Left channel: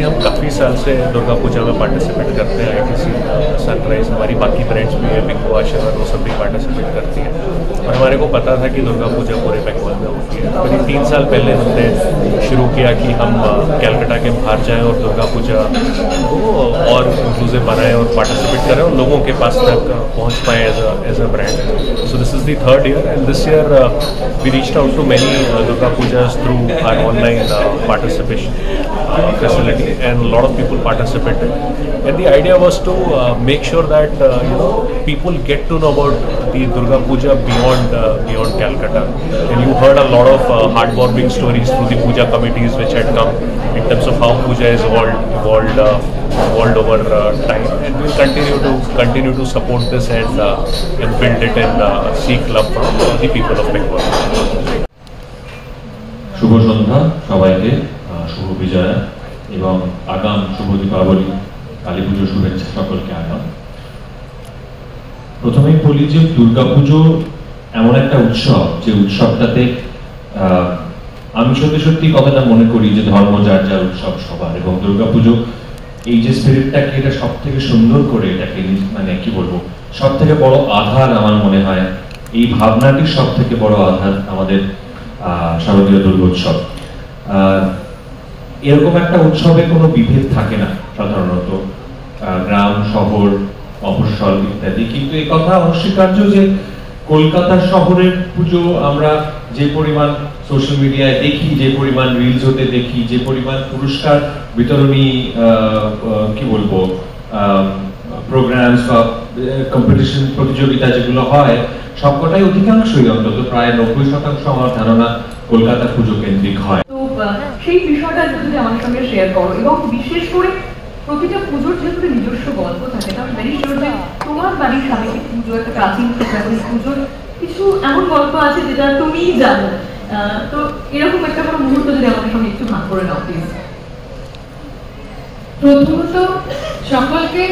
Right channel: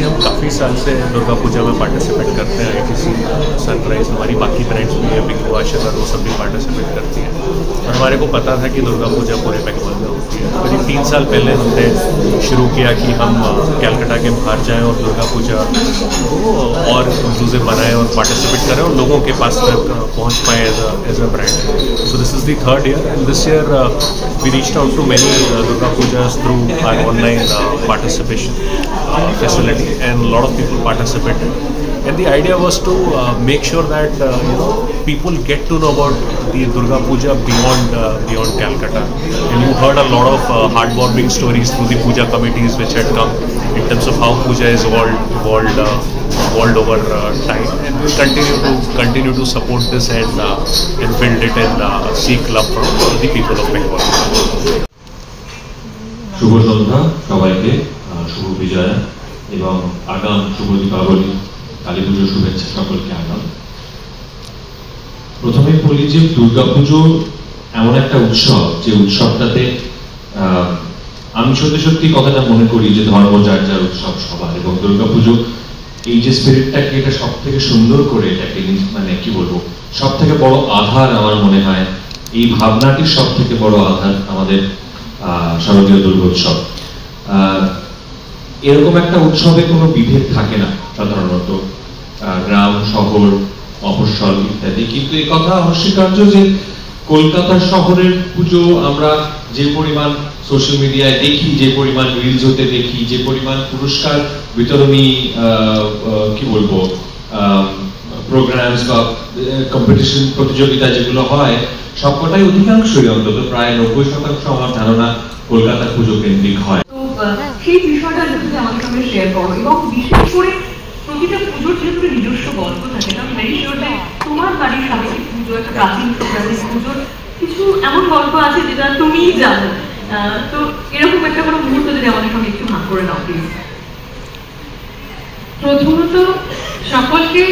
ITC हम काफ़ी साल से दुर्गा पूजा में पार्टिसिपेट करते हैं। आईटीसी सनराइज हमारी बाकी ब्रांड्स भी है, बिंगो आशीर्वाद, वो सब भी पार्टिसिपेट करती हैं। और हमारे को पता था कि दुर्गा पूजा पूरे बंगाल में होती है। करीब 3 साल पहले हमने शुरू किया कि हम कैलकाटा के बाहर जाएं और दुर्गा पूजा को और इंक्लूसिव बनाएं और पार्टिसिपेट करें और लोगों के पास तक पहुँच पाएँ as a brand. So this is the 3rd year, and this year we reached out to many Durga Pujas through our online participation facility, and a lot of people participated. And the idea was to make sure that people get to know about the Durga Puja beyond Calcutta. And you heard a lot of heartwarming stories through the puja committees which had come in terms of how puja is evolved over time, and we'll continue to support this and build it and seek love from the people of Bengal. শুভ সন্ধ্যা সবাইকে, শুভ বিজয়া এবং আগাম শুভ দীপাবলি, কালী পুজোর শুভেচ্ছা সকলকে আগাম। প্রথমে বলি যে দুর্গাপুজো এমন একটা উৎসব, যে উৎসবটাতে আমি সত্যি কথাটা মনে করি যে ধর্ম যার যার উৎসব সবার, এবং দুর্গাপুজো এই যে স্পিরিটটাকে এটা সব থেকে সুন্দর করে, এটাকে মানে কি বলবো, সব থেকে বড় আধার আমার মনে হয় এই ভাবনাটির সব থেকে বড় আধার আমাদের শারদীয় দুর্গোৎসব। এরকম একটা উৎসবে কোনো বিভেদ থাকে না সাধারণত, গ্রাম শহর মফস্বল ইত্যাদি, কিন্তু এই কথা অস্বীকার্য যে কলকাতার শহরের পুজো আমরা যে পরিমাণ সোশ্যাল মিডিয়ায় দেখি, যে পরিমাণ রিলসতে দেখি, যে পরিমাণ পুরস্কার বিতরণী কি বলবো প্রোগ্রামস বা কম্পিটিশন প্রতিযোগিতা যেগুলো হয়, সবকটাই অধিকাংশই অন্তত প্রায় 90% আমার ধারণা কলকাতার পুজো কেন্দ্রিক হয়। তো সেই বিষয়টা যদি আমার সঙ্গে শেয়ার করো, এবং বিশেষ করে প্রতিটা পুজোর যেগুলো নিজস্ব গল্প থাকে, আমি ভেরি শিওর যে তোমার বাড়ির সাথে পুজো একটা প্রাচীন পুজোর কিছু এমন গল্প আছে যেটা তুমিই জানো। তো এরকম একটা কোনো মুহূর্ত যদি আমাদের সঙ্গে একটু ভাগ করে নাও প্লিজ। প্রথমত সকলকে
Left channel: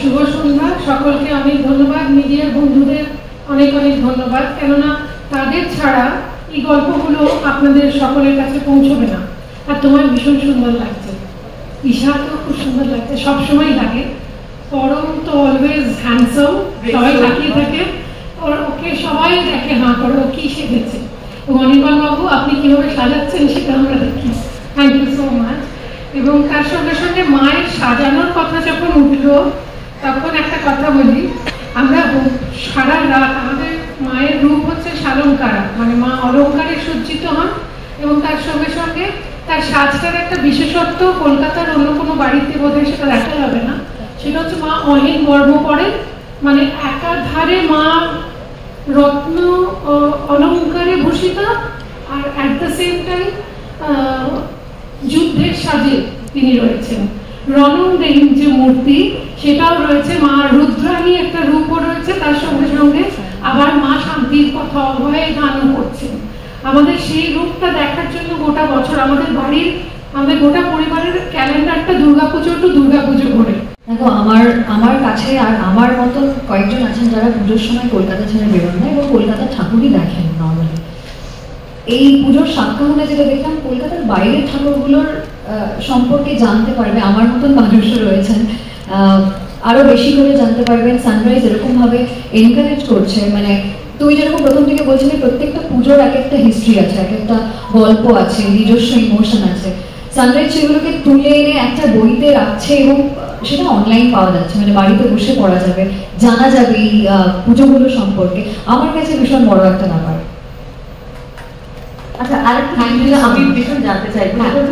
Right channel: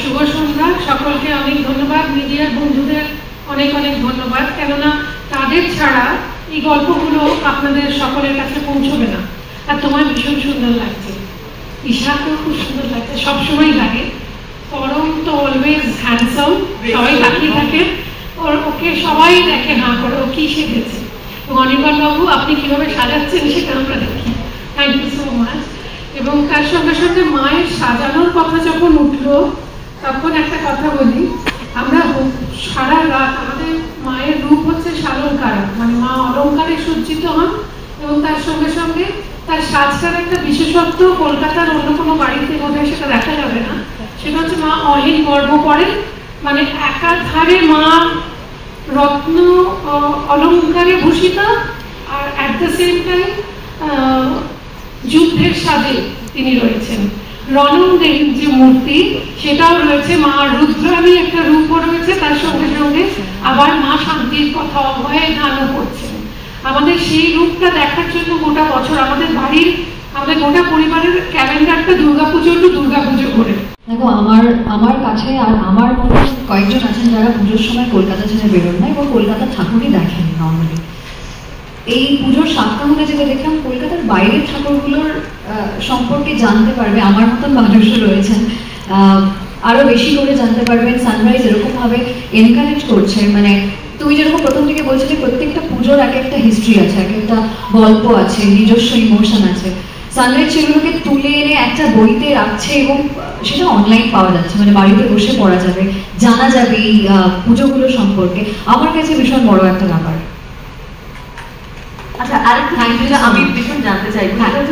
শুভ সন্ধ্যা, সকলকে অনেক ধন্যবাদ, মিডিয়ার বন্ধুদের অনেক অনেক ধন্যবাদ, কেননা তাদের ছাড়া এই গল্পগুলো আপনাদের সকলের কাছে পৌঁছবে না। আর তোমার ভীষণ সুন্দর লাগছে, ঈশাকেও খুব সুন্দর লাগছে, সবসময় লাগে। পরম তো অলওয়েজ হ্যান্ডসাম, সবাই তাকিয়ে থাকে, ওকে সবাই দেখে হাঁ করে ও কি শিখেছে। এবং অনির্বাণ বাবু আপনি কিভাবে সাজাচ্ছেন সেটা আমরা দেখি, থ্যাংক ইউ সো মাচ। এবং তার সঙ্গে সঙ্গে মায়ের সাজানোর কথা যখন উঠলো, তখন একটা কথা বলি, আমরা সারা রাত আমাদের মায়ের রূপ হচ্ছে সালঙ্কার, মানে মা অলঙ্কারে সজ্জিত হন, এবং তার সঙ্গে সঙ্গে তার সাজটার একটা বিশেষত্ব কলকাতার অন্য কোনো বাড়িতে বোধহয় সেটা দেখা যাবে না, সেটা হচ্ছে মা অহিন গর্ব পড়েন, মানে একাধারে মা রত্ন অলঙ্কারে ভূষিত, আর অ্যাট দ্য সেম টাইম যুদ্ধের সাজে তিনি রয়েছেন। রণদেব যে মূর্তি সেটাও রয়েছে, মা রুদ্রাণী একটা রূপও রয়েছে, তার সঙ্গে সঙ্গে আবার মা শান্তির কথা অভয়ে গানও করছেন। আমাদের সেই রূপটা দেখার জন্য গোটা বছর আমাদের বাড়ির, আমাদের গোটা পরিবারের ক্যালেন্ডারটা দুর্গাপুজো টু দুর্গাপুজো করে। দেখো আমার কাছে আর আমার মতো কয়েকজন আছেন যারা পুজোর সময় কলকাতা ছেড়ে বেরোন না এবং কলকাতার ঠাকুরই দেখেন নর্মালি। এই পুজোর সপ্তাহে যেটা দেখলাম, কলকাতার বাইরের ঠাকুরগুলোর সম্পর্কে জানতে পারবে, আমার মতন মানুষও রয়েছেন, আরো বেশি করে জানতে পারবেন। সানরাইজ এরকম ভাবে এনকারেজ করছে, মানে তুমি যেরকম প্রথম থেকে বলছিলে প্রত্যেকটা পুজোর এক একটা হিস্ট্রি আছে, এক একটা গল্প আছে, নিজস্ব ইমোশন আছে। সানরাইজ সেগুলোকে তুলে এনে একটা বইতে রাখছে এবং সেটা অনলাইন পাওয়া যাচ্ছে, মানে বাড়িতে বসে পড়া যাবে, জানা যাবে এই পুজোগুলো সম্পর্কে। আমার কাছে ভীষণ বড় একটা ব্যাপার। আচ্ছা, আরেকটা আমি ভীষণ জানতে চাই,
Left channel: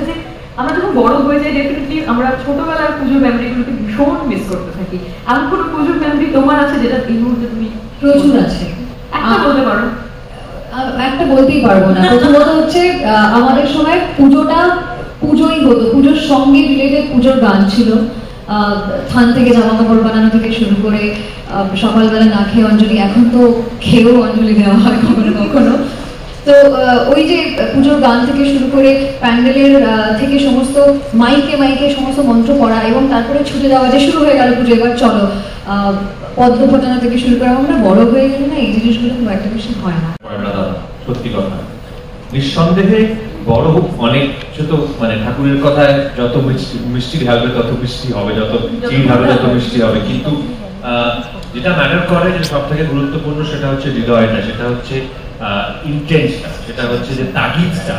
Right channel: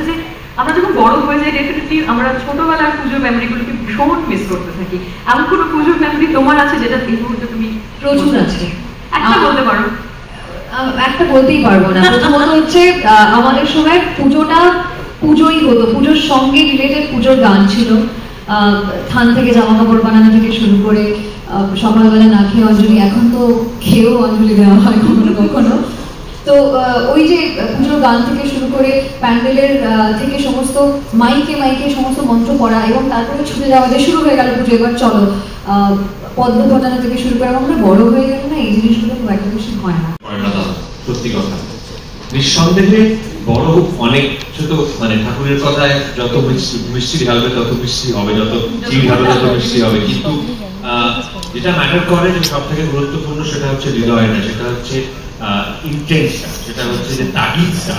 যে আমরা যখন বড় হয়ে যাই ডেফিনেটলি আমরা ছোটবেলার পুজোর মেমোরিগুলোকে ভীষণ মিস করতে থাকি। এমন কোনো পুজোর মেমোরি তোমার আছে যেটা এই মুহূর্তে তুমি? প্রচুর আছে, একটা বলতে পারো? একটা বলতেই পারবো না। প্রথমত হচ্ছে আমাদের সময় পুজোই হতো, পুজোর সঙ্গে রিলেটেড পুজোর গান ছিল, থান থেকে জামা কাপড় বানানো থেকে শুরু করে সকালবেলা না খেয়ে অঞ্জলি, এখন তো খেয়েও অঞ্জলি দেওয়া হয় কখনো কখনো। তো ওই যে পুজোর গান থেকে শুরু করে প্যান্ডেলের থেকে সমস্ত মাইকে সমস্ত মন্ত্র পড়া, এবং তারপরে ছুটে যাওয়া, যে শুরু হয়ে গেল পুজো, এবার চলো, পদ্ম ফোটানো থেকে শুরু করে। আমরা বড় হয়ে গেলে না এই জিনিসগুলো খুব একটা বেশি হয় না। সত্যি কথা, নিঃসন্দেহে বড় অনেক ছোট মানে ঠাকুরের কথায় যত মিষ্টি ঢালবে তত মিষ্টি হবে, যত চিনি ঢালবে তত মিষ্টি হবে, কিন্তু যেটা ম্যাটার করে যে সব থেকে গুরুত্বপূর্ণ সেটা হচ্ছে হৃদয়টা, সেটা হচ্ছে ইন্টেন্সটা, সেটা হচ্ছে যে তাগিদটা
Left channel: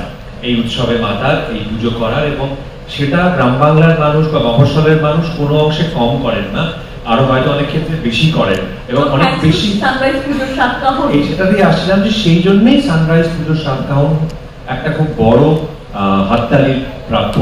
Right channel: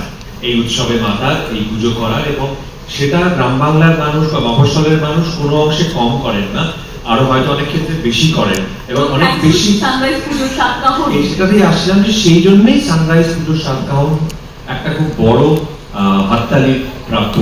এই উৎসবে মাতার, এই পুজো করার, এবং সেটা গ্রাম বাংলার মানুষ বা মফস্বলের মানুষ কোনো অংশে কম করেন না, আরো হয়তো অনেক ক্ষেত্রে বেশি করেন এবং অনেক বেশি। সেটাতেই আসলাম যে সেই জন্যই সানরাইজ পুজোর সাতকাহন একটা খুব বড় হাততালির প্রাপ্য।